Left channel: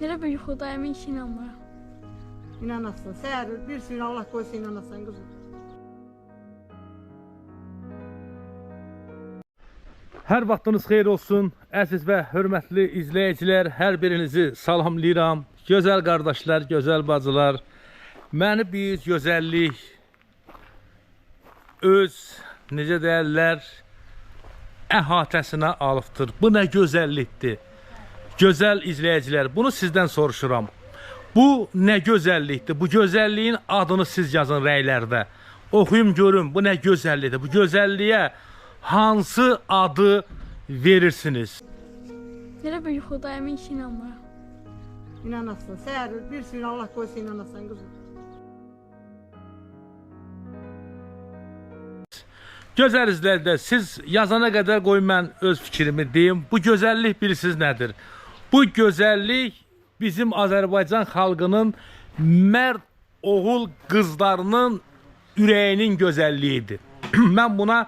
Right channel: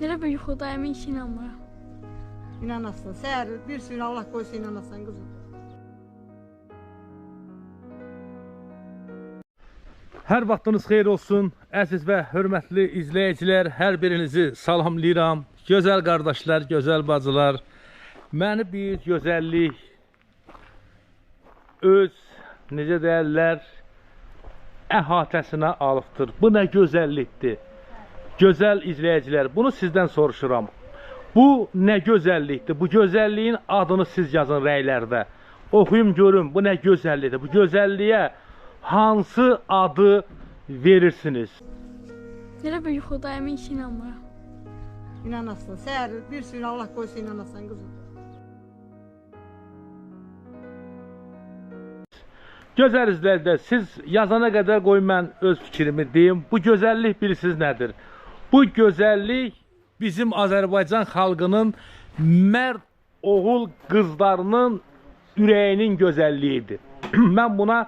Elə bir yuxudayım, heç inanmıram. İnanasın. Səhər bir sürü Allah qoysa inanasan qızım. Hər vaxtınız xeyir olsun, əziz və hörmətli izləyicilər, hər birinizi salamlayıram. Gözəl qardaşlar, gözəl bacılar, məni bir gözəllik öz, necə deyərlər, əhatəsinə alıbdır. Bu nə gözəllikdir? Gözəl izləyicilər, bunu sizdən soruşuram. Bu nə gözəllikdir? Bu gözəlliyin adını siz yazın rəylərdə. Oxuyum görün, bu nə gözəllikdir? Bu gözəlliyə hansı adı verirsiniz? Elə bir yuxudayım, heç inanmıram. İnanasın. Səhər bir sürü Allah qoysa inanasan qızım. Gözəl izləyicilər, siz yazana qədər qoy mən öz fikrimi deyim. Bu gözəllik bilirsiniz nədir? Bu gözəllik bizim Azərbaycan xalqının mərd oğul qızlarının ürəyinin gözəlliyidir. Mən buna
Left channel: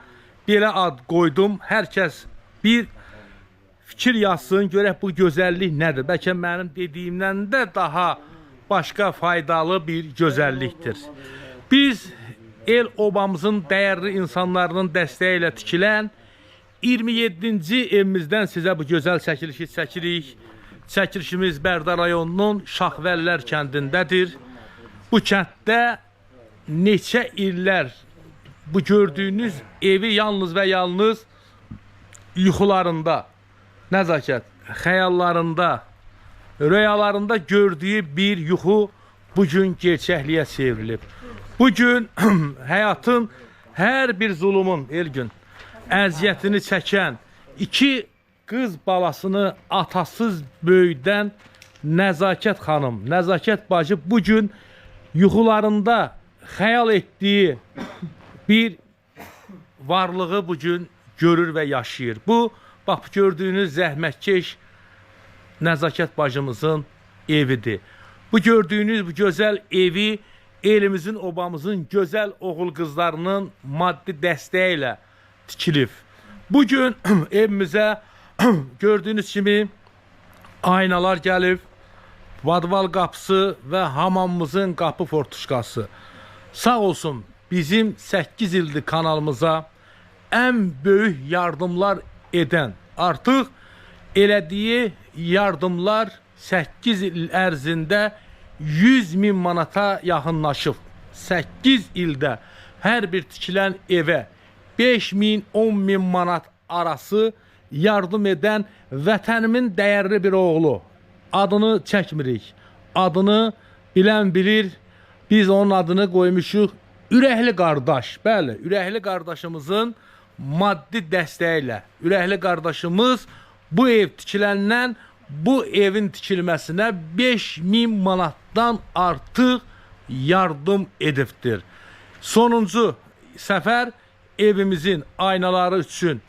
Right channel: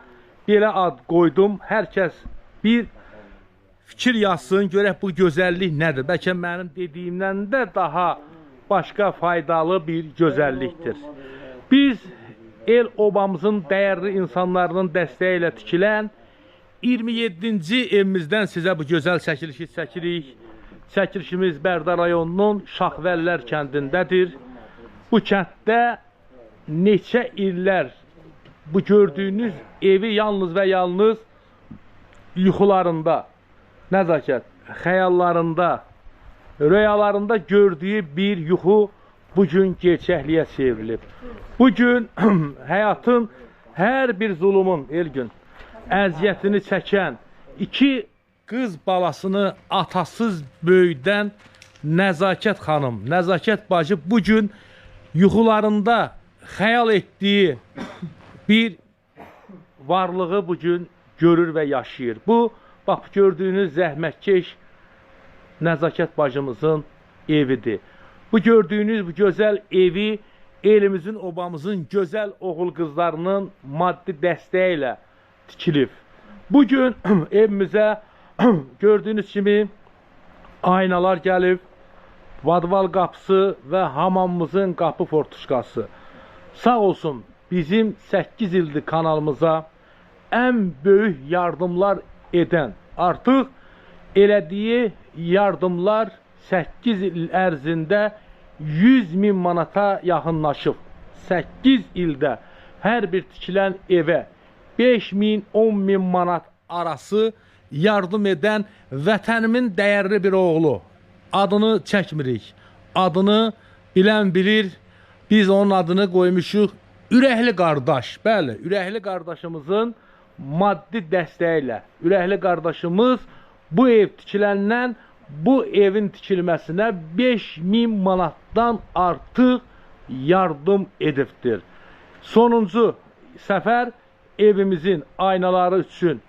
belə ad qoydum. Hər kəs bir fikir yazsın, görək bu gözəllik nədir? Bəlkə mənim dediyimdən də daha başqa faydalı bir gözəllikdir. Biz el obamızın dəyərli insanlarının dəstəyi ilə tikilən 27-ci evimizdən sizə bu gözəl çəkilişi çəkirik. Çəkilişimiz Bərdə rayonunun Şaxvəllər kəndindədir. Bu kənddə neçə illər bu gördüyünüz evi yalnız və yalnız yuxularında, nəzakət, xəyallarında, rüyalarında gördüyü bir yuxu bugün gerçəkliyə çevrilib. Bugün həyatın hər bir zulumun, Elgün, əziyyətini çəkən iki qız balasını atasız böyüdən Nəzakət xanım, Nəzakət bacı bugün yuxularında xəyal etdiyi bir varlığı bugün görür və yaşayır. Bu, bax, gördüyünüz zəhmətkeş Nəzakət bacımızın evidir. Bu gördüyünüz bu gözəl evi elimizin, obamızın gözəl oğul qızlarının maddi dəstəyi ilə tikilib. Bugün evimizə gördüyünüz kimi aynalar gəlib, vadval qapısı və hamamımızın qapı fortuşkası. Sağ olsun bizim 8 ildir kanalımıza ən böyük yardımlar edən, artıq elədiyi yardımlar 8 il ərzində 100.000 manata yaxınlaşıb. 8 ildə hər bir tikilən evə 5.000, 10.000 manat arası yardım edən vətənimin dəyərli bir oğlu. Adını çəkmirik. Adını bilən bilir. Biz onun adını qoymuşuq Ürəkli qardaş. Bəli, Ürəkli qardaşımızın maddi dəstəyi ilə. Ürəkli qardaşımız bu ev tikiləndən bu evin tikilməsinə 5.000 manatdan artıq yardım edibdir. Sonuncu səfər evimizin aynaları üçün,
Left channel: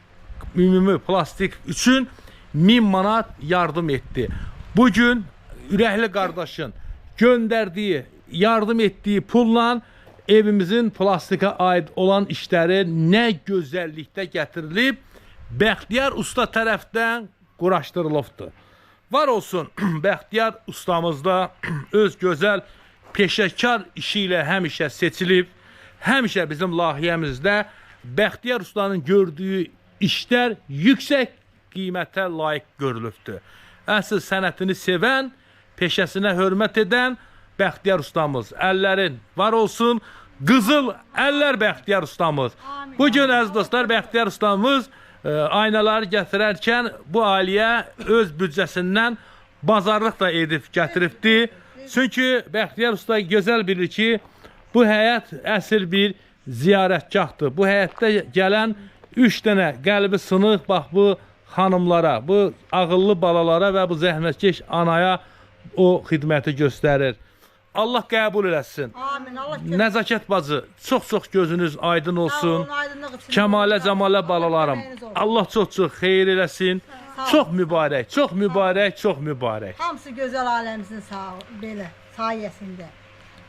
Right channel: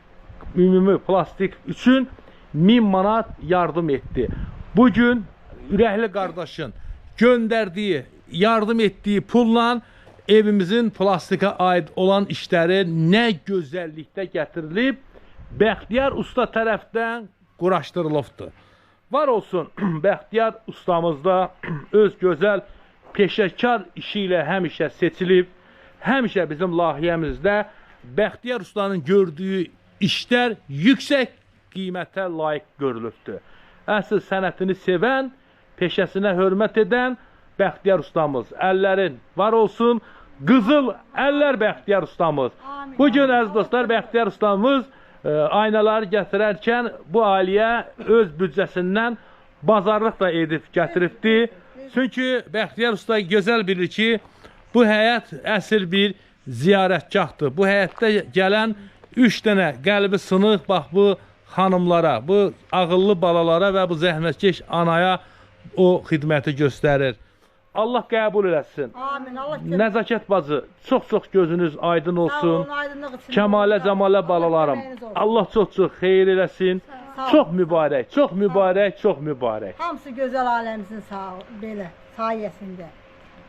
ümumi plastik üçün 1000 manat yardım etdi. Bugün Ürəkli qardaşın göndərdiyi, yardım etdiyi pulla evimizin plastika aid olan işləri nə gözəllikdə gətirilib, Bəxtiyar usta tərəfdən quraşdırılıbdır. Var olsun, Bəxtiyar ustamız da öz gözəl peşəkar işi ilə həmişə seçilib, həmişə bizim layihəmizdə Bəxtiyar ustanın gördüyü işlər yüksək qiymətə layiq görülübdür. Əsl sənətini sevən, peşəsinə hörmət edən Bəxtiyar ustamız. Əllərin var olsun, qızıl əllər Bəxtiyar ustamız. Bugün əziz dostlar, Bəxtiyar ustamız aynaları gətirərkən bu ailəyə öz büdcəsindən bazarlıq da edib gətiribdi. Çünki Bəxtiyar usta gözəl bilir ki, bu həyət əsl bir ziyarətgahdır. Bu həyətdə gələn 3 dənə qəlbi sınıq, bax bu xanımlara, bu ağıllı balalara və bu zəhmətkeş anaya o xidməti göstərir. Allah qəbul eləsin. Amin. Allah Nəzakət bacı, çox-çox gözünüz aydın olsun. Kəmalə, cəmalə balalarım. Allah çox-çox xeyir eləsin. Çox mübarək, çox mübarək, çox mübarək. Hamısı gözəl aləmizin belə sayəsində.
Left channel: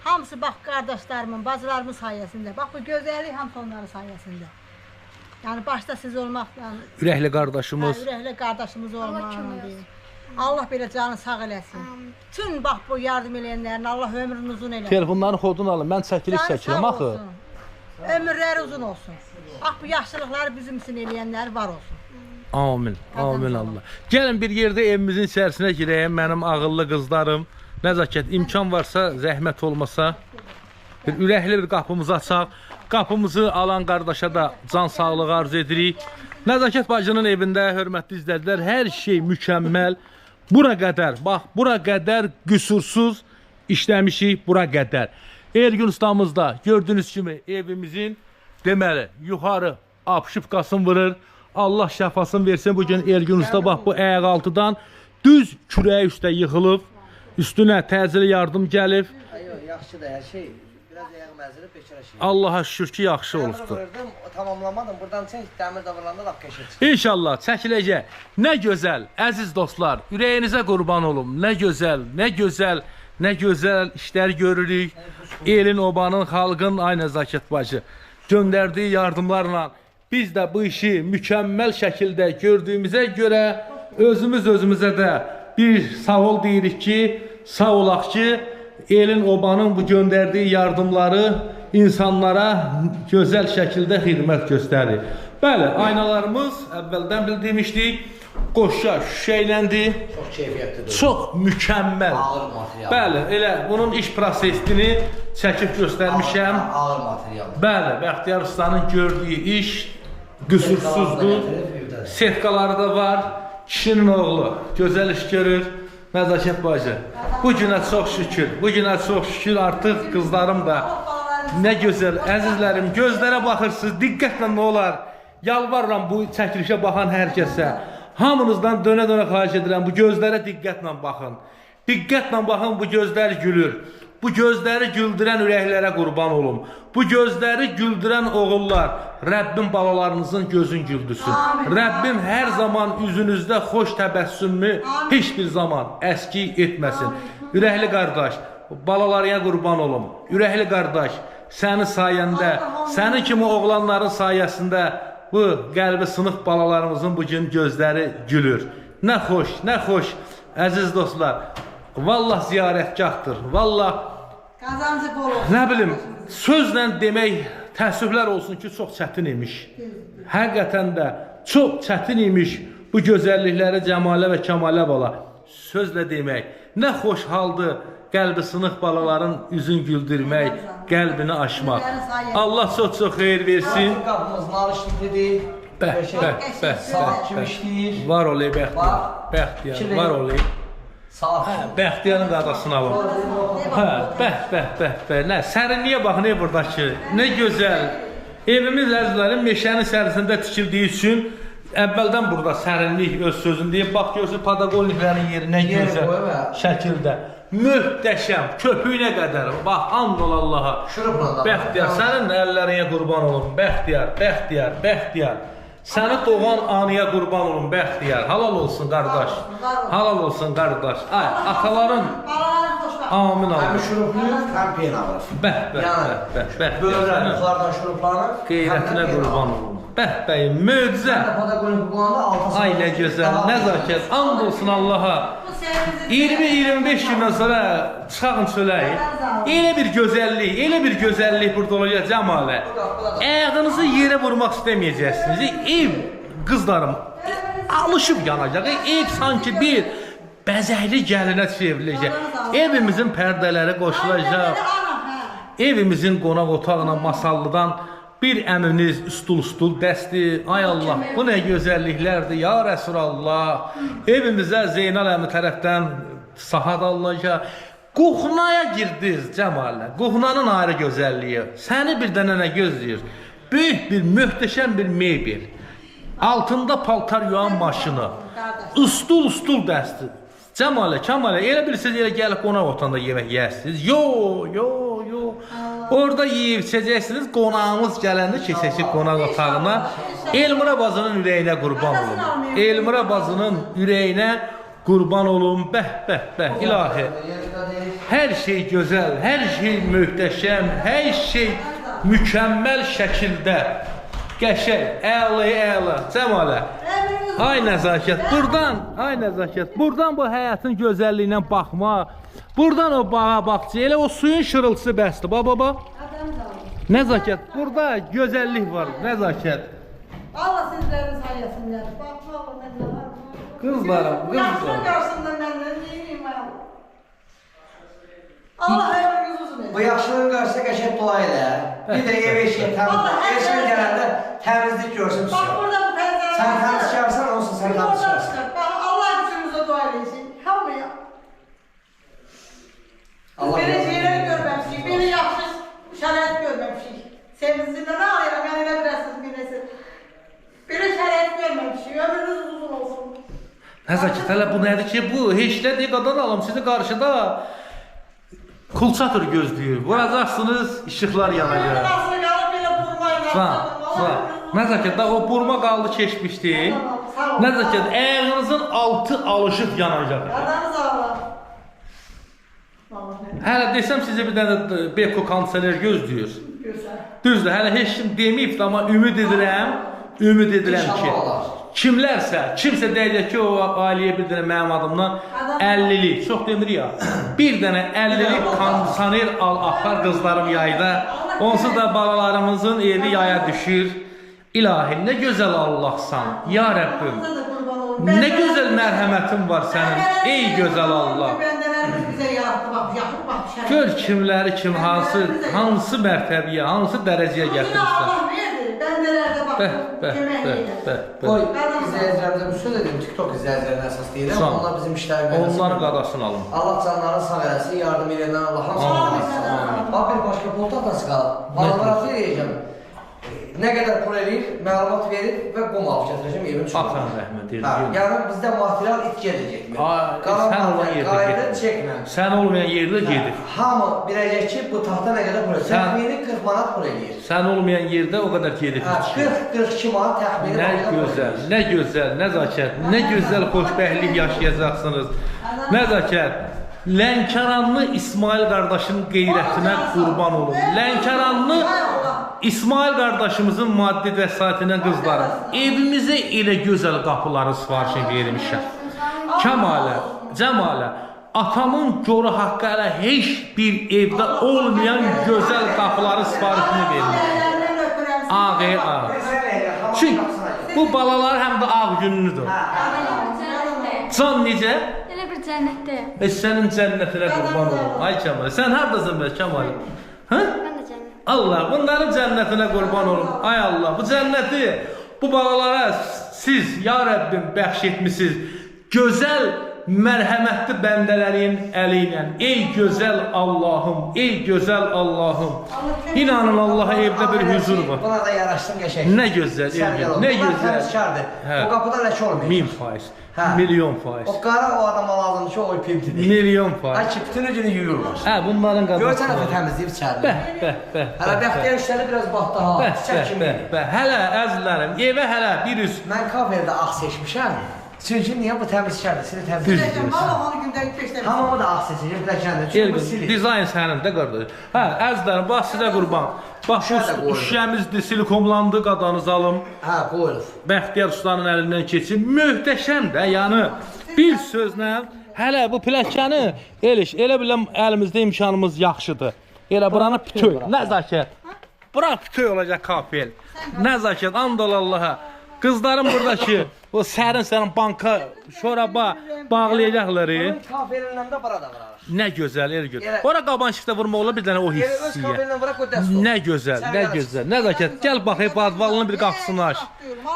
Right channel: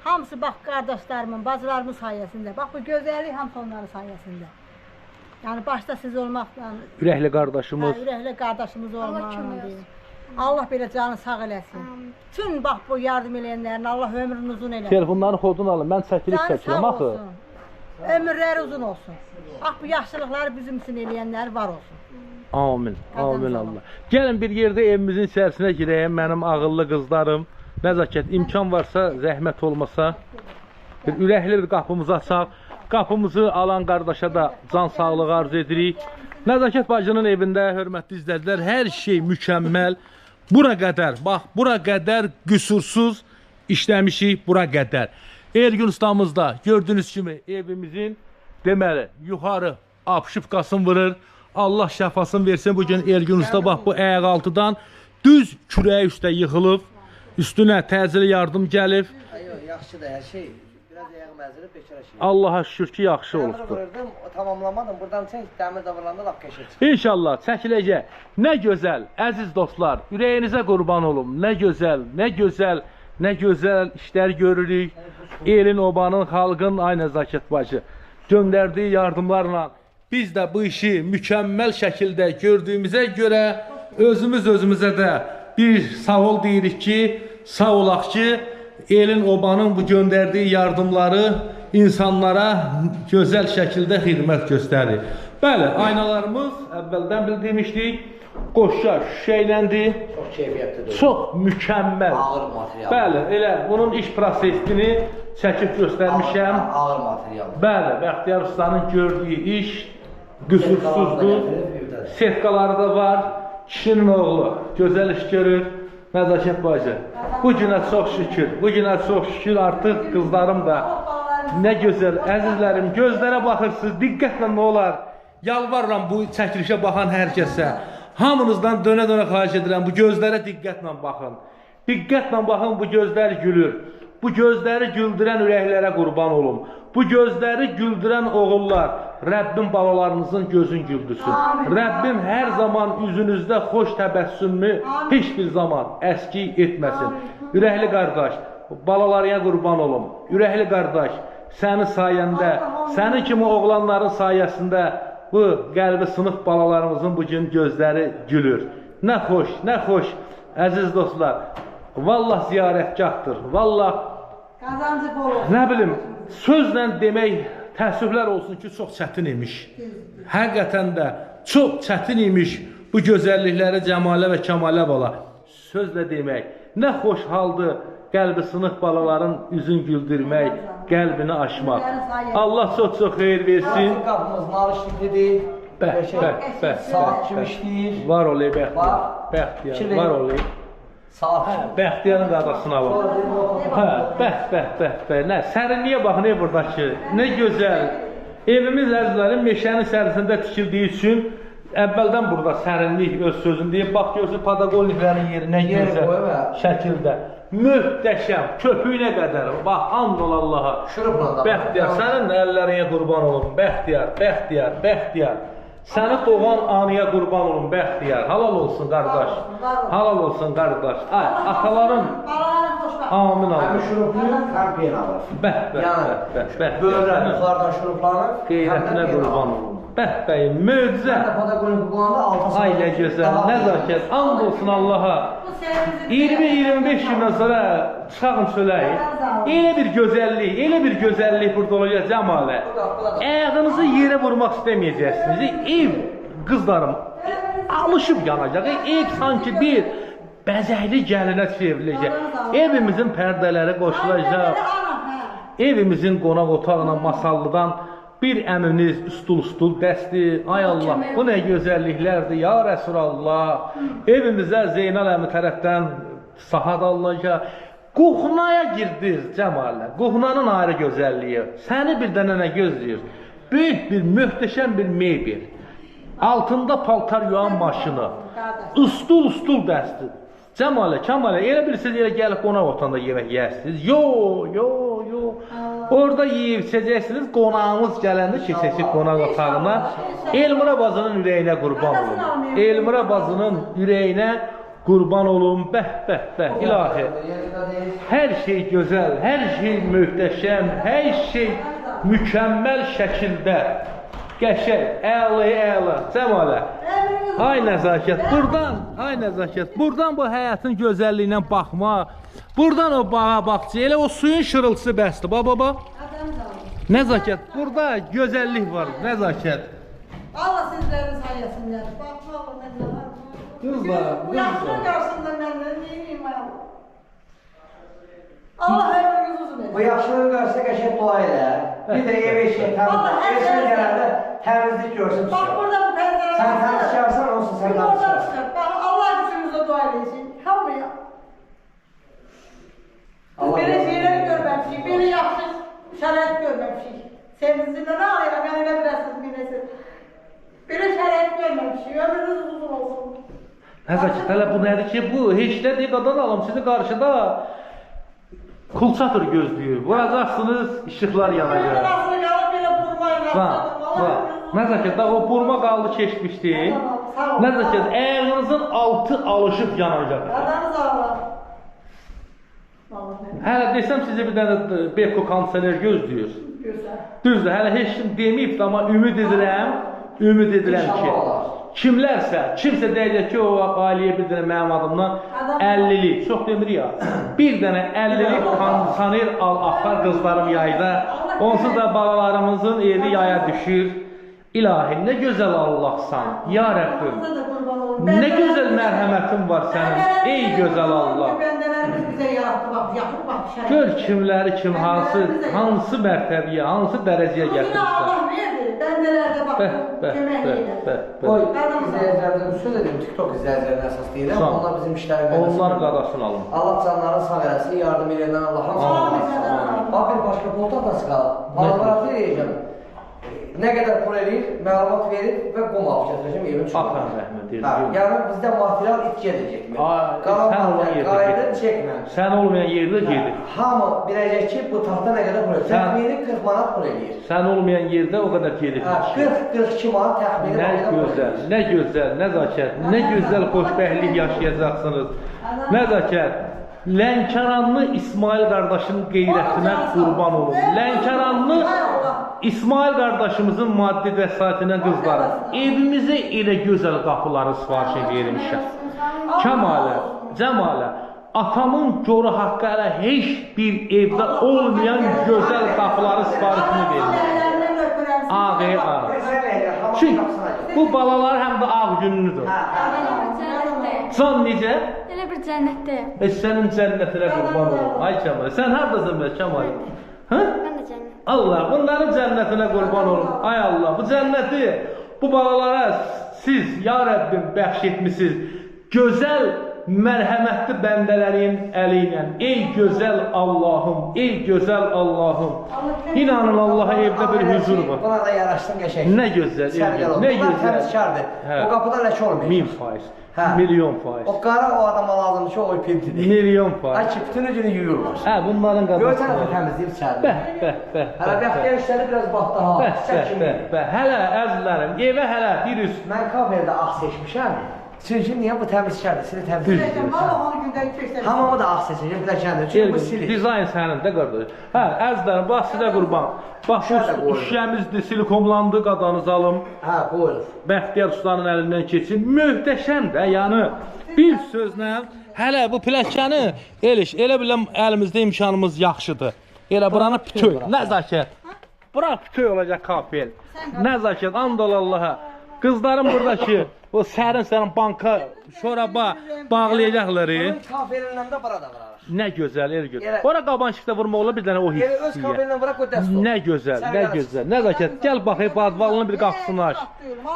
Hamısı bax qardaşlarımın, bacılarımın sayəsində. Bax bu gözəllik hamısı onların sayəsində. Yəni başda siz olmaqla Ürəkli qardaşımız. Ürəkli qardaşımız olmaqla. Allah belə canı sağ eləsin. Tüm bax bu yardım eləyənlərin Allah ömrünü uzun eləsin. Telefonların kodunu alın. Mən çəkiliş Canı çəkirəm sağ axı. olsun. Ömürləri uzun olsun. Bax bu yaxşılıqları bizim üçün eləyənlər var olsun. Amin. Amin Qazanc Allah. Gəlin bir yerdə evimizin içərisinə girəyim. Mənim ağıllı qızlarım. Nəzakət imkan varsa, zəhmət olmasa bir ürəkli bir qapımızı açaq. Qapımızı alan qardaşa da can sağlığı arzu edirik. Nəzakət bacının evində hörmətli izləyicilər, hər şey mükəmməl. Bura qədər, bax, bura qədər qüsursuz işləmişik, bura qədər. Ergün ustamız da gördüyünüz kimi evimizin deməli yuxarı apşıpqasını vurur. Allah şəfasını versin. Bugün Ergün usta bax bu ayaq altıdan düz kürəyi üstə yıxılıb. Üstünə təcili yardım gəlib. Yaxşıdır hər şey. Biraz ayağım əzilib bekara şey. Allah'a şükür ki yaxşı Dəmir olubdur. vururdum, tamamlamadım. Buradan çək, dəmir davrananda lap qəşəng çıxır. İnşallah çəkiləcək. Nə gözəl, əziz dostlar, ürəyinizə qurban olum. Nə gözəl, nə gözəl, nə gözəl işlər görürük. Elin, obanın, xalqın, ay Nəzakət bacı göndərdiyi yardımlarla biz də bu işi mükəmməl şəkildə gördüyümüzə görə özümüz özümüzə də bir sağ ol deyirik ki, sağ olaq ki, elin, obanın bu göndərdiyi yardımları insanlara gözəl şəkildə xidmət göstərir. Bəli, aynalarımız əvvəldən bildirmişdik, qoşa şüşəyləndi. Çox keyfiyyətlidir. Çox mükəmməl. Ağır material. Bəli, elə bunun iş prosesini çəkib göstərmişəm. Ağır material. Bəli, Bəxtiyar ustanın gördüyü iş qüsursuzdur. Setkaları da var. Kişinin oğlu gözəl iş görür. Nəzakət bacı. Bu günə çox şükür. Bu günə çox şükür artıq qızlarım da nə gözəl, əzizlərim, gözlərə baxırsınız, diqqətlə nə olar? Yalvarıram bu çəkilişə baxan hər kəsə. Hamınızdan dönə-dönə xahiş edirəm, bu gözlərə diqqətlə baxın. Diqqətlə baxın, bu gözlər gülür. Bu gözləri güldürən ürəklərə qurban olum. Bu gözləri güldürən oğullar, Rəbbim balalarınızın gözün güldürsün. Rəbbim hər zaman üzünüzdə xoş təbəssümü heç bir zaman əski etməsin. Ürəkli qardaş, balalarına qurban olum. Ürəkli qardaş, sənin sayəndə, sənin kimi oğlanların sayəsində bu qəlbi sınıq balalarımızın bugün gözləri gülür. Nə xoş, nə xoş, əziz dostlar. Vallah ziyarətgahdır. Vallah Qazancı bol olsun. nə bilim, sözlə demək təəssüflər olsun ki, çox çətin imiş. Həqiqətən də çox çətin imiş bu gözəllikləri cəmalə və kəmalə bala. Sözlə demək, nə xoş haldır qəlbi sınıq balaların üzün güldürmək, qəlbini açmaq. Allah çox-çox xeyir versin. Artıq qapımız narışlıqlıdır. Saat kimi işləyir. Var olay Bəxtiyar, var olay. Saat. Bəxtiyarın qadasına var. Bəh, nə, sərinliyə bax, nə buradakı, nə gözəl. Evimiz əzizlərim meşənin sərisində tikildiyi üçün əvvəldən burada sərinlik öz sözünü deyib, bax görsün padagoniklərin yeri nə gözəl şəkildə. Möhtəşəm, köpüyünə qədər, bax, and ol Allaha. Bəxtiyar, sənin əllərinə qurban olun, Bəxtiyar. Səni doğan anıya qurban olun, Bəxtiyar. Halal olsun qardaş, halal olsun qardaş. Ay, ataların, amin Həm amin. şuruplu, həm peynavır. Bəh, Böyürlər yuxarıdan şuruplanır. qeyrətinə qurban olun. Bəh, möcüzə. Mən də padagonik qullananda 6 saat. Ay, nə gözəl, nəzakət, and olsun Allaha. 20-25 gündən sonra çıxağın çöləyin. Elə bir gözəllik burada olacaq cəmalə. Ayağınızı yerə vurmaq istəməyəcəksiniz. Ev, qızlarım, alışıb yanacaq. Ev sanki bir bəzəkli gəlinə çevriləcək. Evimizin pərdələri qoşulacaq. Evimizin qonaq otağına masallıdan bir əminiz üstul dəsti. Ay Allah, bu nə gözəlliklərdir ya Rəsulallah. Evimizə Zeynal əmi tərəfdən sahat alınacaq. Qoxunaya girdiniz cəmalə. Qoxunanın ayrı gözəlliyi. Səni bir dənə nə gözləyir? Böyük bir, möhtəşəm bir mebel. Altında paltar yuan maşını. Üstul dəsti. Cəmalə, elə bilirsiniz, elə gəlib qonaq otağında yemək yersiniz. Yo. Orada yeyib içəcəksiniz, qonağımız gələndə keçəcək qonaq otağına. Elmira bacının ürəyinə qurban olun. Elmira bacının ürəyinə qurban olun. Bəh, ilahi. Hər şey gözəl, hər şey möhtəşəm, hər şey mükəmməl şəkildə. Qəşəng, əla, cəmalə. Ay nəzakət, ay nəzakət, buradan bu həyatın gözəlliyinə baxma, buradan o bağa baxçı, elə o suyun şırıltısı bəsdir, baba. Nəzakət, burada gözəllik var, nəzakət. Allah sizlərin sayəsində, baxma Allah məndən. Qızlar, Bu yaxşı qarşısında məndən, neyim mən? Allah ömrünüz uzun etsin. Bu yaxşılığın qarşısında qəşəng dua elə. Bir də ev eşiyə təmizlik. Eşiyə gələndə təmizlik görsün. Bax burada bu pəncərə. Sən təmizkarsan, olsun sən təmizkarsan. Bax Allah gücümüzə dua edin. Hamıya. Belə şeylər görməmişik, belə yaxşı şərait görməmişik. Sevincinlə nə alıram, yəni elə biləsiniz birisi. Belə şərait görməmişik, ömrünüz uzun olsun. Nəzakət, hələ bu nədir ki, bu heç nə deyil, qadan alım, sizi qarşıda kulçatır gözləyir. Vuracaqsınız, işıqlar yanacaq. Nasıl qalıb belə burmayla. Nəzakət, o burma qaldı keçmişdi. Nəzakət, əyəğinizin altı alışıq yanacaq. Adamız Allah. Hələ desəm sizə bir dənə Beko kondisioner gözləyir. Düzdür, hələ heç kim deməyib, amma ümid edirəm ki, kimsə deyəcək ki, o ailəyə bir dənə mənim adımdan 50'lik, çox demir ya, bir dənə 50'lik kondisioner al, axar qızlarım yayda, onsuz da balalarımızın evi yaya düşür. İlahi, nə gözəl Allahsan, ya Rəbbim, nə gözəl mərhəmətin var sənin, ey gözəl Allah. Gör kimləri kim, hansı mərtəbəyə, hansı dərəcəyə gətirmişlər. Qoy, izləyicilərimizə bir söz edeyim, TikTok izləyicilərinə əsas deyirəm, onlar bizim işləri verməsin. Onların qadasını alın. Allah canlarını sağ eləsin, yardım edəndən Allah hamısını eləsin. Bax, bir başqa polta atası qalıb, malabaratı eləyəcəm. Nə qədər pul eləyir, məlumat verir və qum alıb gətirəcəm evin çıxarım. Atan rəhmət edin. Yəni bizdə material itkiyə də getmir. Qalan material qayıdır, çəkmə. Sən olmayan yerdə gedir. Hamı biləcək ki, bu taxta nə qədər pul eləyir. Təxmini 40 manat pul eləyir. Sən olmayan yerdə o qədər gedir. 40-42 manat təxmini nə gözəl, nə gözəl, nəzakət, nə gözəl xoşbəxtlik yaşayacaqsınız. Nəzakət. Lənkəranlı İsmail qardaşın qeyrətinə qurban olun. Lənkəranlı İsmail qardaşımızın maddi vəsaitinə qızlarım. Evimizə elə gözəl qapıları sifarişini vermişəm. Kəmalə, Cəmalə, atamın görə haqqı hələ heç bir evdə olmayan gözəl qapıları sifarişini vermişəm. Ağır. Çünki bu balalar həm də ağ günlüdür. Can necə? Elə bir cənnətdəyəm. Sənin cənnətinə qurban olun. Ay Kəmal, sən haradasan be Kəmal? Hə? Mən də cənnət. Allah, bunların cənnətinə qurban olun. Ay Allah, bu cənnəti bu balalara siz ya Rəbbim bəxş etmisiniz. Gözəl mərhəmətli bəndələrin əli ilə. Ey gözəl Allahım, ey gözəl Allahım. İnanın Allaha evdə bir huzur var. Buna da yaraşsın qəşəng. Nə gözəl, nə gözəl. Təmizkardır. O qapıda ləkə olmayacaq. 1000%. Milyon faiz. O qara o adama lazımdır ki, o pimtidir. Milyon faiz. Ay ki, bütün günü yuyurlar. Hə, bunların qadası. Görsən nəfə təmizləyib içəridir. Hələ bəxtiyar işləri biraz baxdı ha. Hələ əzizlərim, evə hələ bir üst. Mən kamerdə ağ seçmişəm. Çünki niyə bu təmizkardır, sizi təmizləyir. Hamamı da ağ seçəcəm, biləkəndir. Çünki bu silir. Dizayn sənin də qardaş. Hə, əzizlərim, bax sizə qurban. Bax, bu şüşəmizdir, silikonlandı, qadanız alım. Hə, qoyulur. Bəxtiyar ustanın əlindən keçin. Möhtəşəm də, yəni bir sözlə hələ bu plakkanı elə biləm əlimizdə imkanımız yaxşıdır. Elə buranı bütöy, nəzakət. Bura bütöy olacaq kapel. Nəzakət, and ol Allaha. Qızlarım buradakı o sərin banka, şoraba bağlayacaqlar. Kafelindən də bura da var. Nə gözəl, el gözəl. Bura qabançıqda vurma ola bir dənə o hissiyə. Öz kafelindən bura qoy dəst ol. Nə gözəl, nə gözəl. Nəzakət, gəl baxayım, badvalının bir qapısını aç.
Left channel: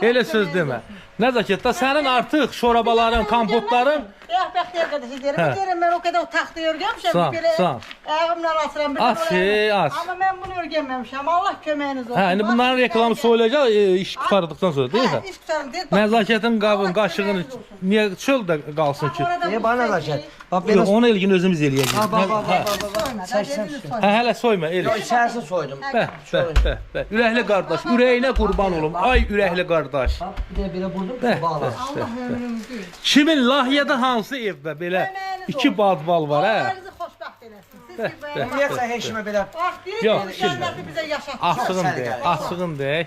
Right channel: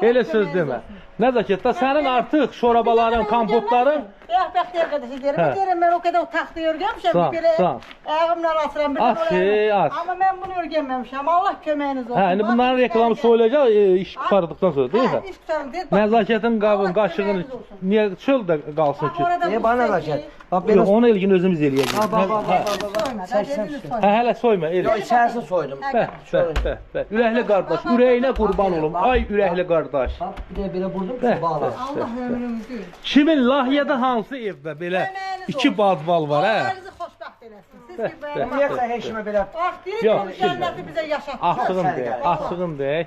Elə söz demə. Nəzakət, da sənin artıq şorabaların, kompotların... Bəxtiyar qardaşı deyirəm, mən o qədər o taxtı örgəmişəm, belə ayağımla asıram bir amma mən bunu örgəməmişəm, Allah köməyiniz olsun. Hə, indi bunların reklamı soyulacaq, iş qutardıqdan sonra, deyil mi? Hə, iş qutarım, deyil. Nəzakətin qaşığını, niyə çöldə qalsın ki? Bana nəzakət. Onu ilgin özümüz eləyəcək. Hə, hələ soyma, elə. İçərisini soydum. Ürəkli qardaş, ürəyinə qurban olum, ay ürəkli qardaş. Bir də belə vurdum ki, bağlar. Allah ömrümüzü. Kimin Lahiyədə hansı evdə belə iki badval var, hə? Allah'ınızı xoşbəxt eləsin. Siz ki, Niyə sən heşimə belə... Bax, deyir ki, cənnəti bizə yaşatdı. Açığın deyək.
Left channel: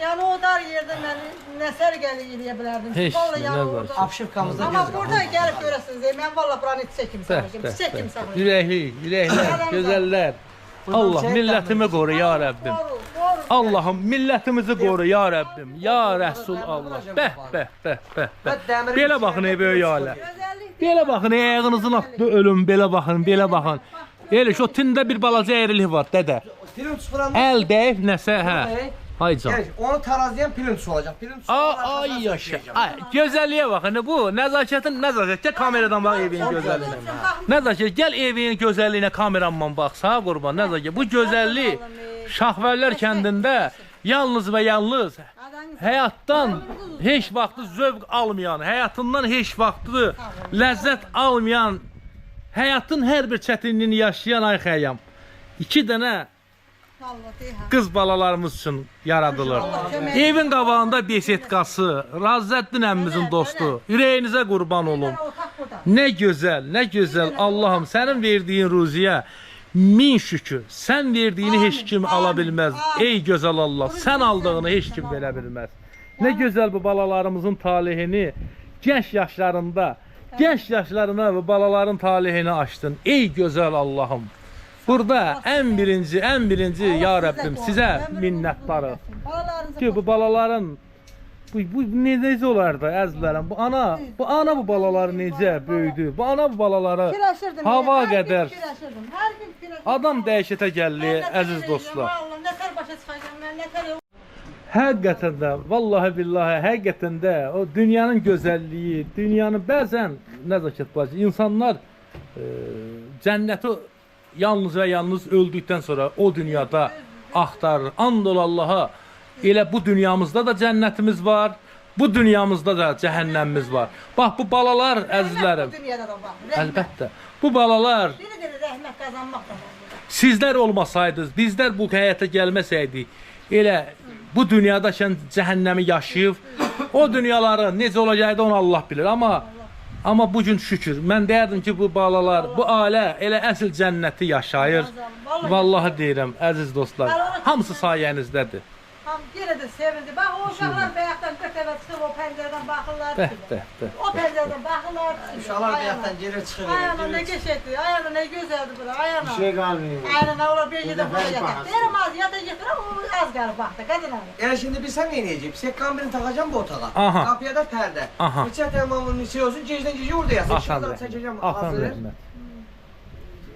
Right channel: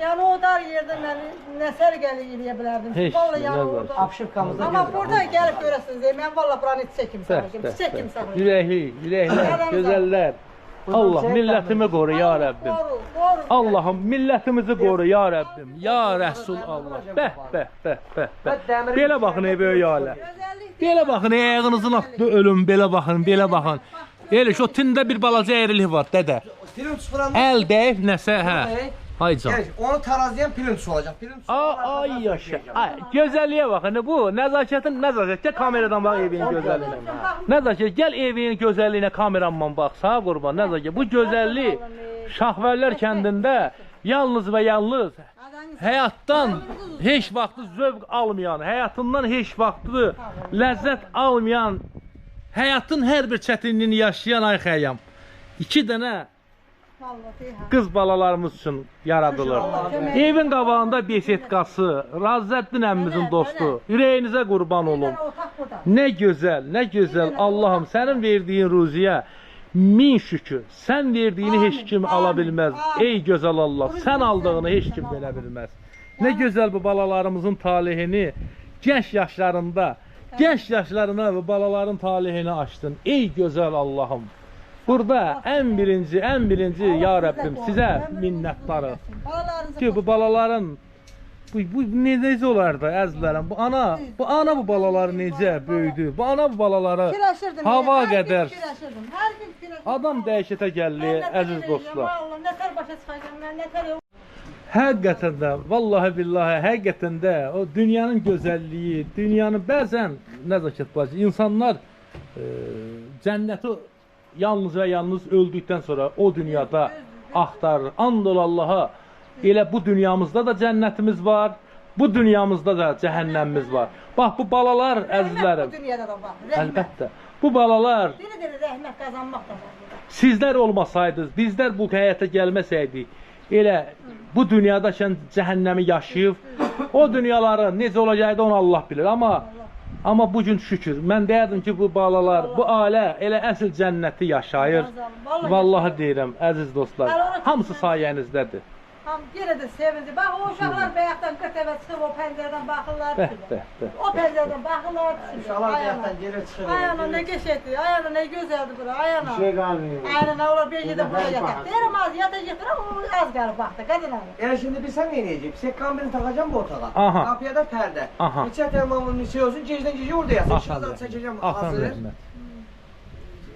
Yəni o dar yerdə mən nə sərgəli eləyə bilərdim. Heç Vallahi nə yəni var. orada. Apşırkamızda Amma burada gəlib görəsiniz, mən vallahi buranı çiçək kimi saxlayacağım. Çiçək kimi saxlayacağım. Ürəkli, ürəklər, gözəllər. Allah millətimi qoru ya Rəbbim. Qoru, qoru. Allahım millətimizi qoru ya Rəbbim. Ya Rəsul Allah. Bəh, bəh, bəh, bəh, bəh. Belə baxın ey böyük ailə. Gözəllik. Belə baxın ayağınızın atdı ölüm. Belə baxın, belə baxın. Elə şu tində bir balaca əyrilik var dədə. Pirinç fıranda. Əl dəyib nəsə hə. Ay can. Gəl, onu tarazlayan pirinç olacaq. Pirinç Ay yaşa. Ay gözəlliyə baxın. Bu nəzakətin nəzakət. Gəl kameradan bax evin gözəlliyinə. Nəzakət gəl evin gözəlliyinə kameramdan bax. Sağ qurban nəzakət. Bu gözəllik Şahvərlər kəndində yalnız və yalnız həyatdan heç vaxtı zövq almayan, həyatından heç vaxtı ləzzət almayan, həyatın hər bir çətinliyini yaşayan ay xəyam. 2 dənə qız balalarımız üçün yaradılır. Evin qabağında besetkası, Razzəddin əmmimizin dostu. Ürəyinizə qurban olum. Nə gözəl, nə gözəl. Allahım sənin verdiyin ruziyə min şükür. Sən verdiyini heç kim ala bilməz. Ey gözəl Allah, sən aldığını heç kim verə bilməz. Nə gözəl bu balalarımızın talihini genç yaşlarında, genç yaşlarına bu balaların talihini açdın. Ey gözəl Allahım. Burada ən birinci ya Rəbbim sizə minnətdarıq. Ki bu balaların bu necə olardı əzizlərim? Bu ana bu balaları necə böyüdü? Bu ana bu balaları hava qədər Hər gün fikirləşirdim. adam dəhşətə gəldi əziz dostlar. Allah nətər başa çıxacağam mən, nətər Həqiqətən də, vallahi billahi, həqiqətən də o dünyanın gözəlliyi, dünyanın bəzən nəzakət bacı, insanlar cənnəti yalnız və yalnız öldükdən sonra o dünyada axtarır. And ol Allaha, elə bu dünyamızda da cənnətimiz var, bu dünyamızda da cəhənnəmimiz var. Bax bu balalar əzizlərim, Bu dünyada da var. əlbəttə, bu balalar Biri rəhmət qazanmaq da var. sizlər olmasaydınız, bizlər bu həyata gəlməsəydik, elə bu dünyadakən cəhənnəmi yaşayıb, o dünyaları necə olacaqdı onu Allah bilir. Amma bugün şükür, mən deyərdim ki, bu balalar, bu ailə elə əsl cənnəti yaşayır. Vallahi deyirəm, əziz dostlar, hamısı sayənizdədir. Yenə də sevindim. Bax, o uşaqlar bayaqdan qırtəvə çıxıb, o pəncərədən baxırlar. O pəncərədən baxırlar. Uşaqlar bayaqdan geri çıxır. Ayağına nə geçəkdir, ayağına nə gözəldir bura, ayağına. Bir şey qalmıyor. Ayağına olar bir yerdə burada yataq. Deyirəm az, yata yatır, o az qalıb baxdı, qadın alır. Yəni şimdi bilsən nə edəcək? Sekkan birini taxacam bu otağa. Aha. Qapıya da pərdə. Aha. Neçə tamamının neçə olsun, gecdən gecə orada yatsın. Axan İşıqları rəhmət. çəkəcəm Axan hazır. rəhmət.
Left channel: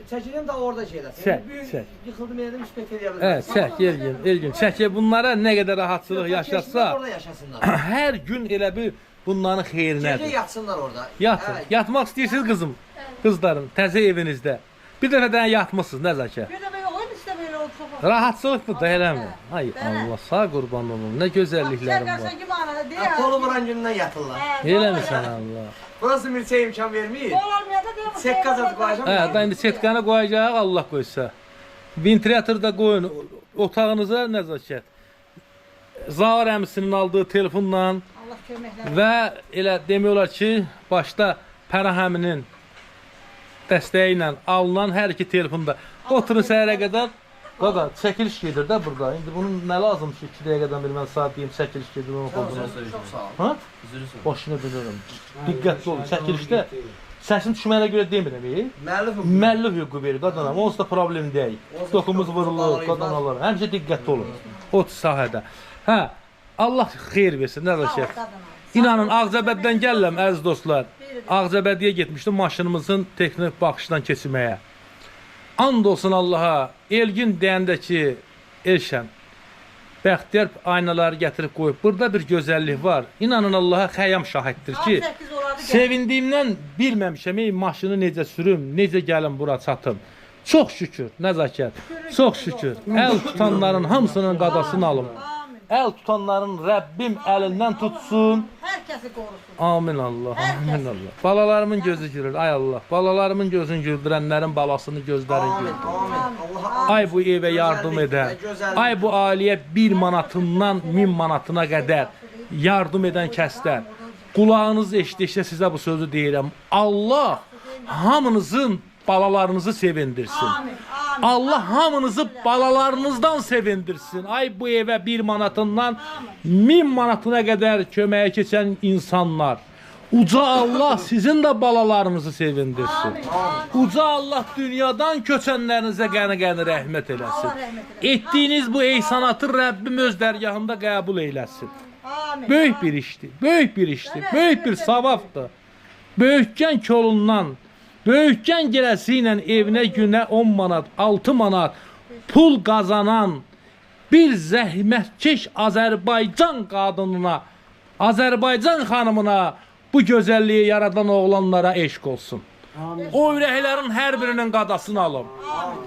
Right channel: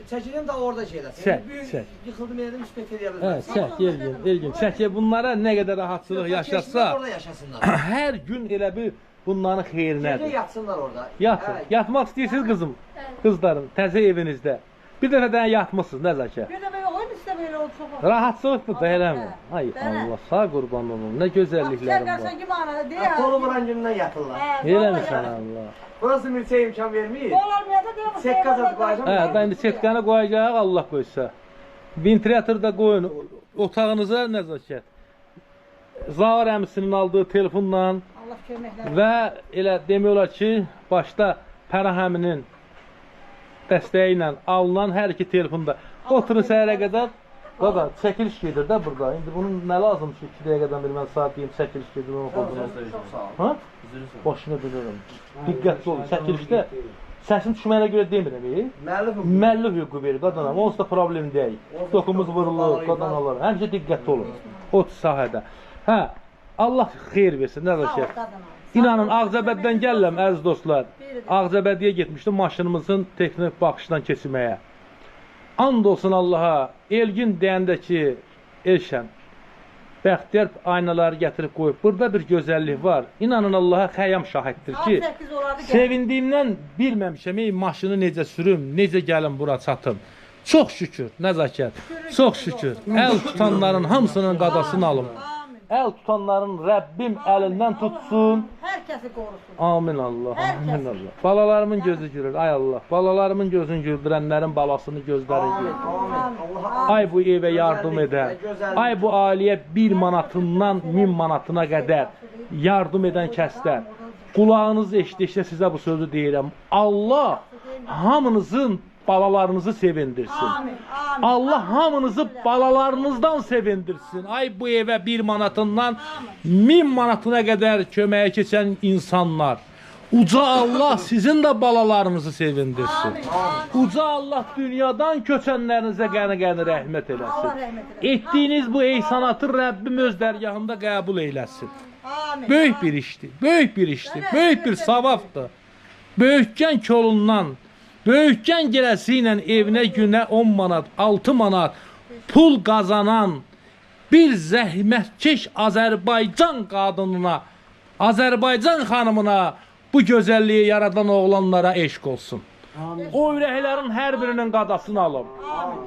Çəkəcəm də orada şeydə. Çək, çək. Yıxıldım yerdə müspət edə Evet, bilməm. çək, Elgün. Çək, bunlara nə qədər rahatçılıq yaşatsa, Orada yaşasınlar. hər gün elə bir bunların Gecə xeyrinədir. yatsınlar orada. Yatın. Hə, Yatmaq istəyirsiniz qızım, qızlarım, təzə evinizdə. Bir dəfə də yatmısınız, nəzəkə. Bir də belə oyun istə belə oldu çox. Rahatçılıqdır da eləmi? Ay Allah, sağ qurban olun. Nə gözəlliklərim var. Şərqərsən kimi anada hə, deyir. Kolu vuran gündən yatırlar. Eləmisən Allah. Burası milçəyə imkan vermir. Olmayanda deyir. Sekka zat qoyacam. Hə, da indi setkanı qoyacaq, Allah qoysa. Ventilyator da qoyun otağınıza nəzakət. Zahir əmisinin aldığı telefonla Allah köməklər. və elə demək olar ki, başda Pərahəminin dəstəyi ilə alınan hər iki telefonda oturun səhərə qədər. Qaqa, çəkiliş gedir də burada. İndi bunun nə lazım ki, 2 dəqiqədən bir mən saat deyim, çəkiliş gedir, onu qoydum. Çox sağ ol. Ha? Başını bilirəm. Diqqətli olun, çəkilişdə səsin düşməyinə görə demirəm, Müəllif müəllif hüququ verir qadınam, onsuz da problem deyil. Dokumuz vurulur, qadınlar. Həmişə diqqətli olun o sahədə. Hə, Allah xeyir versin, nə də şey. İnanın, Ağcabəddən gəlirəm, əziz dostlar. Ağcabədiyə getmişdim maşınımızın texnik baxışdan keçirməyə. And olsun Allaha, Elgin deyəndə ki, Elşən, Bəxtiyar aynaları gətirib qoyub. Burada bir gözəllik var. İnanın Allaha xəyam şahiddir ki, sevindiyimdən bilməmişəm, ey maşını necə sürüm, necə gəlim bura çatım. Çox şükür, nəzakət, çox şükür. Əl tutanların hamısının qadasını alım. Əl tutanların Rəbbim əlindən tutsun. Hər kəsi qorusun. Amin Allah, amin Allah. Balalarımın gözü gülür, ay Allah. Balalarımın gözünü güldürənlərin balasını gözləri gülür. Ay bu evə yardım edən, ay bu ailəyə 1 manatından 1000 manatına qədər yardım edən kəslər. Qulağınız eşitdikcə sizə bu sözü deyirəm. Allah hamınızın balalarınızı sevindirsin. Amin. Amin. Allah hamınızı balalarınızdan sevindirsin. Ay bu evə 1 manatından 1000 manatına qədər köməyə keçən insanlar. Uca Allah sizin də balalarınızı sevindirsin. Uca Allah dünyadan köçənlərinizə qəni-qəni rəhmət eləsin. Allah rəhmət eləsin. Etdiyiniz bu eysanatı Rəbbim öz dərgahında qəbul eyləsin. Amin. Böyük bir işdir, böyük bir işdir, böyük bir savabdır. Böyükən kolundan, böyükən girəsi ilə evinə günə 10 manat, 6 manat pul qazanan bir zəhmətkeş Azərbaycan qadınına, Azərbaycan xanımına bu gözəlliyi yaradan oğlanlara eşq olsun. O ürəklərin hər birinin qadasını alın.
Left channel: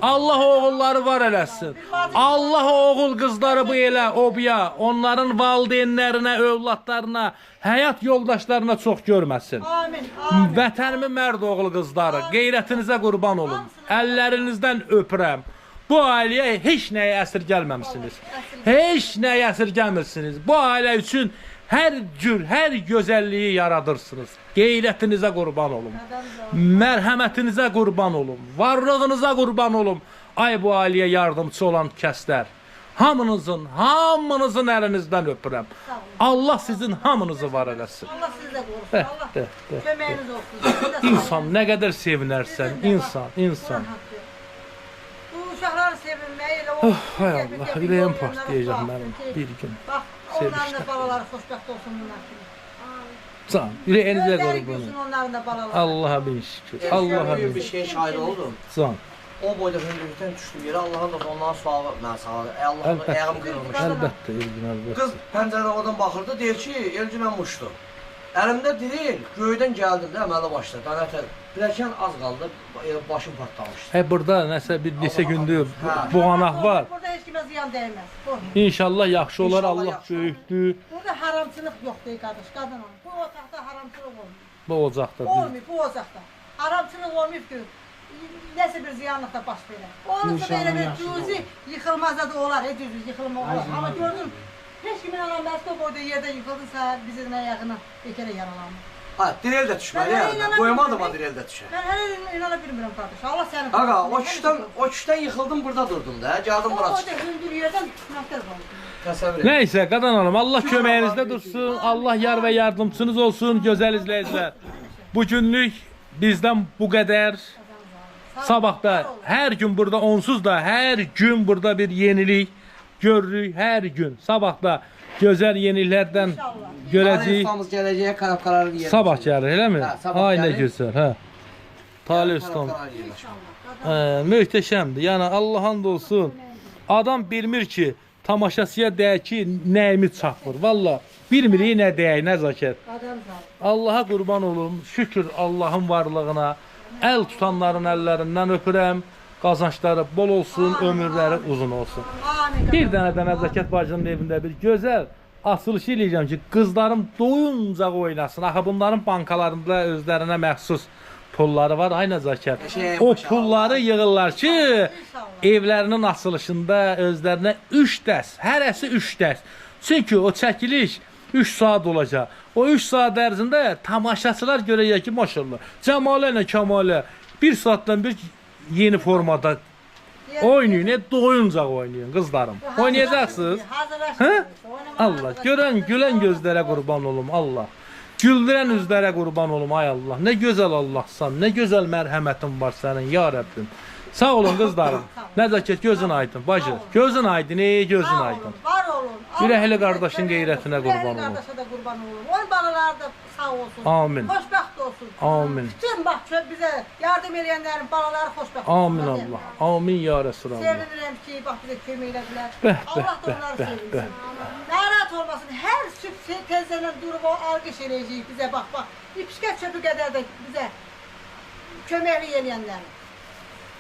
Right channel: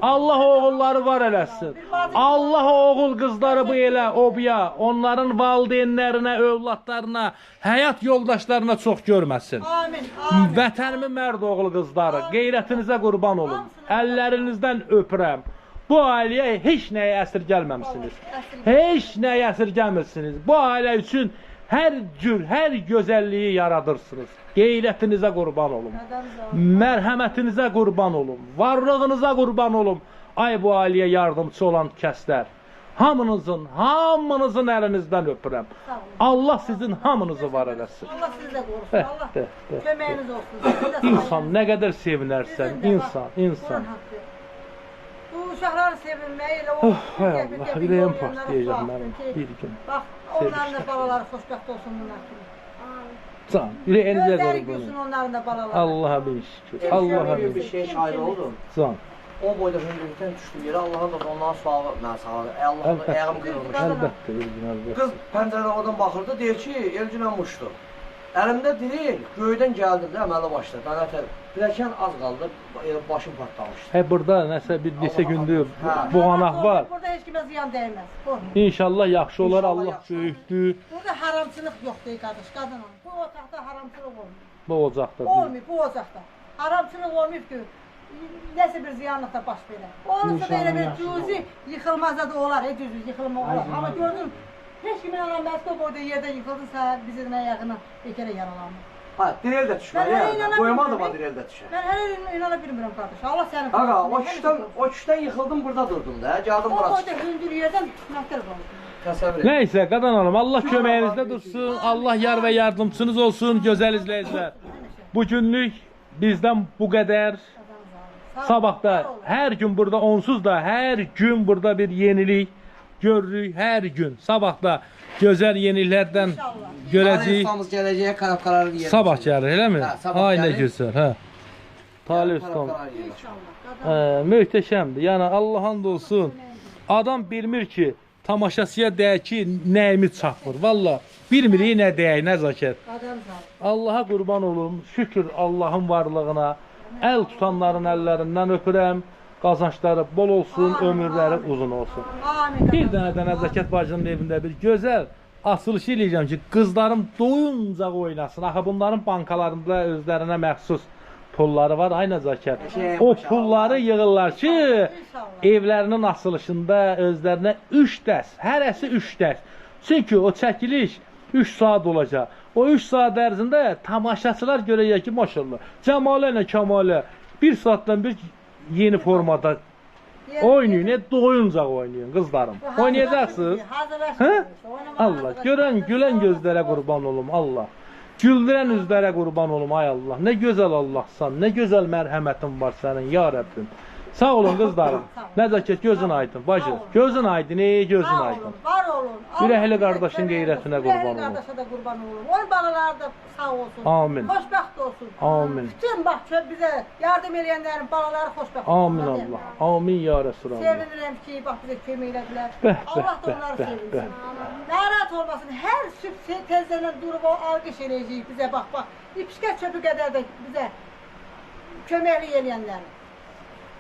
Allah oğulları var eləsin. Allah oğul qızları bu elə obiya, onların valideynlərinə, övladlarına, həyat yoldaşlarına çox görməsin. Amin. Vətənimin mərd oğul qızları, qeyrətinizə qurban olun. Əllərinizdən öpürəm. Bu ailəyə heç nəyə əsir gəlməmişsiniz. Heç nəyə əsir gəlmirsiniz. Bu ailə üçün hər cür, hər gözəlliyi yaradırsınız. Qeyrətinizə qurban olun. Mərhəmətinizə qurban olun. Varlığınıza qurban olun. Ay bu ailəyə yardımcı olan kəslər. Hamınızın əlinizdən öpürəm. Allah sizin hamınızı var eləsin. Allah sizi də qorusun. Allah köməyiniz olsun. İnsan nə qədər sevinərsən, insan. Bu uşaqları sevinməyi elə o... Hay Allah, ürəyim partlayacaq mənim bir gün. Bax, onların da balaları xoşbəxt olsun bunlar kimi. Can, ürəyinizə Gözləri qurban gülsün olun. onların da balaları. Allah'a bin şükür. Allah'a bin bir şey şahid oldum. Can. O boyda hündürlükdən düşdüm yerə, Allahın da ondan sualı mən sağladı. Allah'ın da ayağım qırılmış. Əlbəttə, Elgin, əlbəttə. Qız pəncərədən oradan baxırdı, deyir ki, Elginə muşdu. Əlimdə deyil, göydən gəldim də əmələ başladı. Qanətə, biləkən az qaldı, başım partlamışdı. Burada nəsə bir neçə gündür boğanaq var. Burada heç kimə ziyan dəyməz. Qorxma. İnşallah yaxşı olar, İnşallah Allah yaxşı böyükdür. Burada haramçılıq yoxdur qardaş, qadın. Bu otaqda haramçılıq olmuyor. Bu ocaqda. Olmuyor bu ocaqda. Haramçılıq olmuyor ki, nəsə bir ziyanlıq da baş verər. Olursa da elə bir cüzi yıxılmazda da olar, cüzi yıxılma olar. Amma gördün, heç kimin anlaməsi o boyda yerdə yıxıldınsa, bizim ayağına bekərə yaralanmır. Ha, direl də düşmə, yəni. Qoyamadım ha direl də düşə. Mən hələ inana bilmirəm qardaş. Allah səni Ağa, o küşdən yıxıldım, burada durdum da, gəldim bura O çıxdım. boyda hündür yerdən nətər qaldı. Təsəvvür et. Nəysə, qadan hanım, Allah köməyinizdə dursun, Allah yar və yardımçınız olsun, gözəl izləyicilər. Bu günlük bizdən bu qədər. Sabahda hər gün burada, onsuz da hər gün burada bir yenilik görürük, hər gün. Sabahda gözəl yeniliklərdən görəcəyik. Ustamız gələcəyə karabkaları yerim. Sabah gəlir, eləmi? Hə, sabah Ay nə gəlir. gözəl, hə. Talih ustam. Möhtəşəmdir. Yəni Allah and olsun. Adam bilmir ki, tamaşaçıya deyək ki, nəyimiz çatmır. Valla bilmirik nə deyək, nə zəkət. Allaha qurban olum. Şükür Allahın varlığına. Əl tutanların əllərindən öpürəm. Qazançları bol olsun, ömürləri uzun olsun. Bir dənə də Nəzakət bacının evində bir gözəl açılış eləyəcəm ki, qızlarım doyunca oynasın. Axı bunların bankalarında özlərinə məxsus pulları var. Ay Nəzakət. O pulları yığırlar ki, evlərinin açılışında özlərinə 3 dərs, hərəsi 3 dərs. Çünki o çəkiliş 3 saat olacaq. O 3 saat ərzində tamaşaçılar görəcək ki, maşallah, Cəmalə ilə Kəmalə 1 saatdan bir yeni formada oynayın, doyunca oynayın qızlarım. Oynayacaqsınız. Hə? Allah, görən, gülən gözlərə qurban olum, Allah. Güldürən üzlərə qurban olum, ay Allah. Nə gözəl Allahsan, nə gözəl mərhəmətin var sənin, ya Rəbbim. Sağ olun qızlarım. Nəzakət, gözün aydın, bacı. Gözün aydın, gözün aydın. Var olun. Ürəkli qardaşın qeyrətinə qurban olun. Ürəkli qardaşa da qurban olun. Onun balaları da sağ olsun. Amin. Xoşbəxt olsun. Amin. Bütün bax bizə yardım edənlərin balaları xoşbəxt olsun. Amin Allah. Amin ya Resulallah. Sevinirəm ki, bax bizə kömək elədilər. Bəh, Allah da bəh, onları bəh, sevinsin. Narahat olmasın. Hər sübh tezdən durub o alqış eləyəcəyik bizə bax. İpişkət çöpü qədər də bizə köməklik eləyənlərin.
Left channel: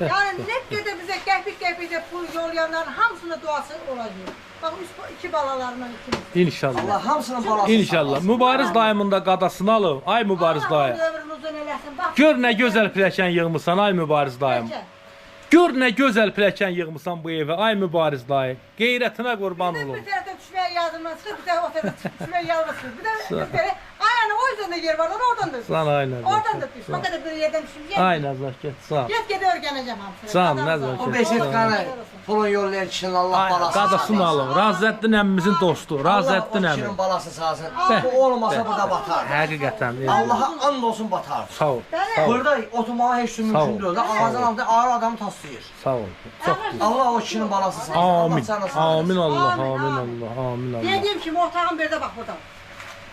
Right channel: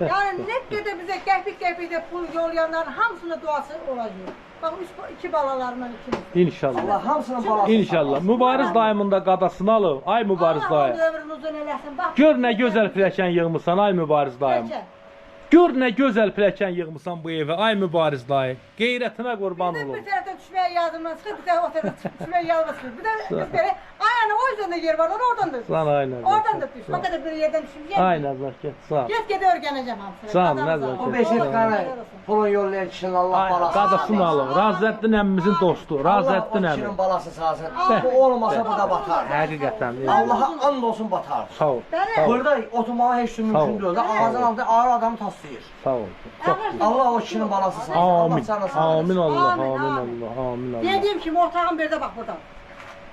Yəni nə qədər bizə qəpik-qəpik də pul yollayanların hamısının duası olacaq. Bax, iki balalarından ikimiz. İnşallah. Allah hamısının balası. İnşallah. Mübariz dayımın da qadasını alın. Ay Mübariz dayı. Allah ömrünü uzun eləsin. Bax, Gör nə gözəl piləkən yığmısan, ay Mübariz dayım. Gör nə gözəl piləkən yığmısan bu evə, ay Mübariz dayı. Qeyrətinə qurban olum. Bir tərəfdən düşməyə yardımdan çıxır, bir tərəfdən o tərəfdən düşməyə yardımdan çıxır. Bir də belə, ay tane o yüzden de yer var, oradan da düş. Sana aynen. Oradan da düş. O kadar bir yerden düşmeyecek. Aynen Zaket. Sağ ol. Git öğreneceğim hamsını. Sağ ol, Adam ne sağ ol. zaman O beşetkanı pulun yollayan kişinin Allah balası. Qadasını alın. Razəddin əmmimizin dostu. Allah o Razəddin əmmi. kişinin balası sağsın. Bəh. Bu olmasa burada batar. Həqiqətən. Allah'a and olsun batar. Sağ ol. Bəli. Burada oturmağa heç şey mümkün deyil. Ağzından aldı, ağır adamı taslayır. Sağ ol. Çox Allah o kişinin balası sağsın. Allah Amin. canı sağ Amin Allah. Amin, Amin amin. Allah. Amin Allah. Dediğim kimi otağın bir de bak burada.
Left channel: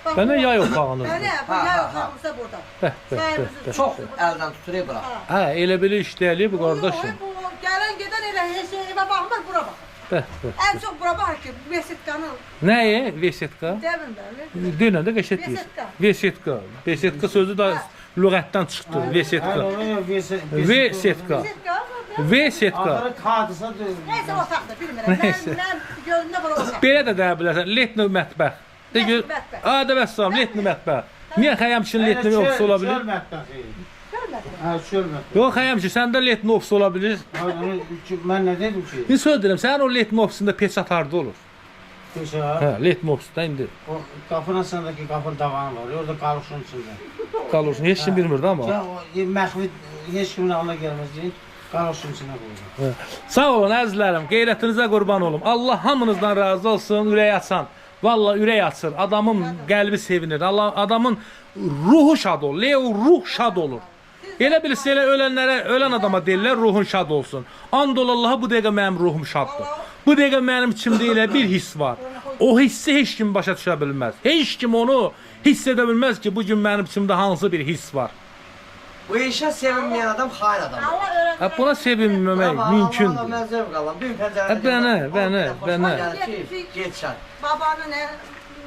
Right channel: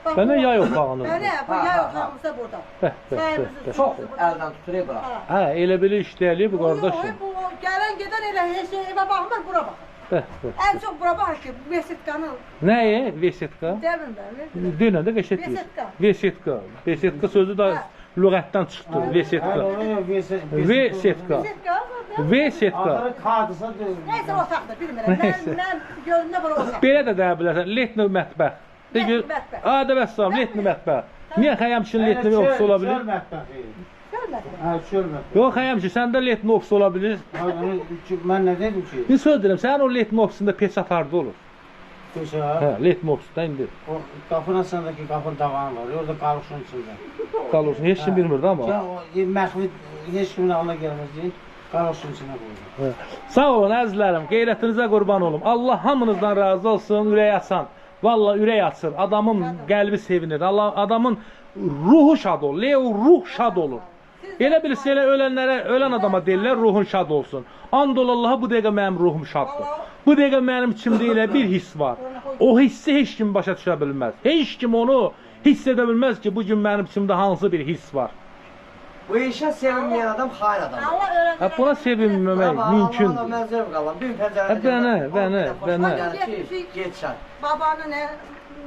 Bak Bana bu- yay otağınız. Bəli, bu Ha, yay ha, otağımız da burada. Bəh, bəh, Sayemizde Çox əldən tuturuyor bura. Hə, elə belə işləyir bu qardaşım. Bu gelen giden elə her şey eve bakmaz bura bak. Bəh, bəh. En çok bura bak ki bu Vesitkanın Nəyə? Vesetka? devin bəli. Denən də qəşət deyir. Vesetka. Vesetka. Vesetka sözü də lüğətdən çıxdı. Vesetka. Vesetka. Vesetka. Vesetka. Hadisə Neyse otaqda bilmirəm. Mən gözümdə bura otaq. Belə də deyə bilərsən. Letni mətbəx. De gör. Mətbəx. Adə vəssalam, letni mətbəx. Niyə xəyamçın letni ofis ola bilir? Görmədim. Hə, çölmətbəx. Yox, xəyamçı, səndə letni ofis ola bilir. Mən nə dedim ki? Bir söz deyirəm, sənin o letni ofisində peçat harda olur? Peşə, Hə, letni ofisdə indi o qapının sındakı qapının tavanı var, orada qalışın içində. qalırsan. Heç kim bilmirdi amma. Ya o məxfi heç kimin ağlına gəlməz deyin, qalışın içinə qoyun. Hə. Sağ olun əzizlərim, qeyrətinizə qurban olum. Allah hamınızdan razı olsun, ürək açan. Vallahi ürək açır. Adamın qəlbi sevinir. Allah adamın ruhu şad olur. Leo ruh şad olur. Elə bilirsə elə ölən adama deyirlər ruhun şad olsun. And ol Allaha bu dəqiqə mənim ruhum şaddır. Bu dəqiqə mənim içimdə elə bir hiss var. O hissi heç kim başa düşə bilməz. Heç kim onu hiss edə bilməz ki, bu gün mənim içimdə hansı bir hiss var. Bu işə sevinməyən adam xain adamdır. Allah öğrenci. Hə, buna sevinməmək Allah'a mümkündür. mənzəv qalan. Bir pəncərədə Hə, bənə. Get çay. Babanın ne?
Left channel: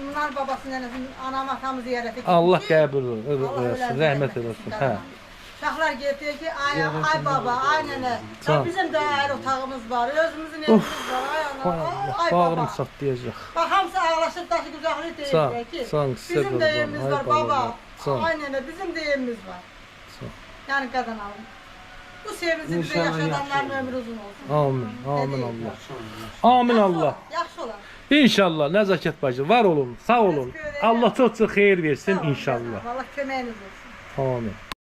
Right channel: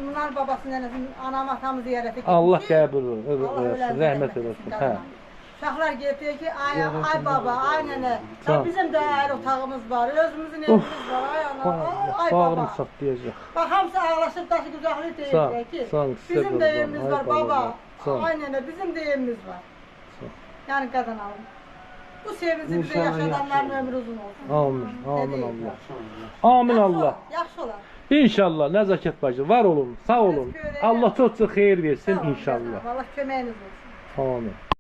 Bunlar babasının nenesinin anam atamı ziyarete gitmiş. Allah qəbul Allah eləsin, ölen rəhmət eləsin. Hə. Uşaqlar getdi ki, ay baba, ay nene. Sağ ol. Ya bizim de ayrı otağımız var, özümüzün evimiz var, ay ana, ay Bağrım baba. çatlayacaq. Bak hamısı ağlaşıp taşı güzellik Sağ ol, deyirlər ki, sağ ol, size bizim de qurban, evimiz ay var baba, baba. sağ ol. Ay nene, bizim de evimiz var. Sağ ol. Yani kadın alın. Bu sevinci bize İnşallah yaşadanların yaxşı ömrü uzun olsun. Amin, amin Dedi. Allah. Amin Yaxşı Allah. olar, Yaxşı olar. İnşallah Nəzakət bacı var olun, sağ olun. Allah çox-çox xeyir versin inşallah. Allah köməyiniz olsun. Amin.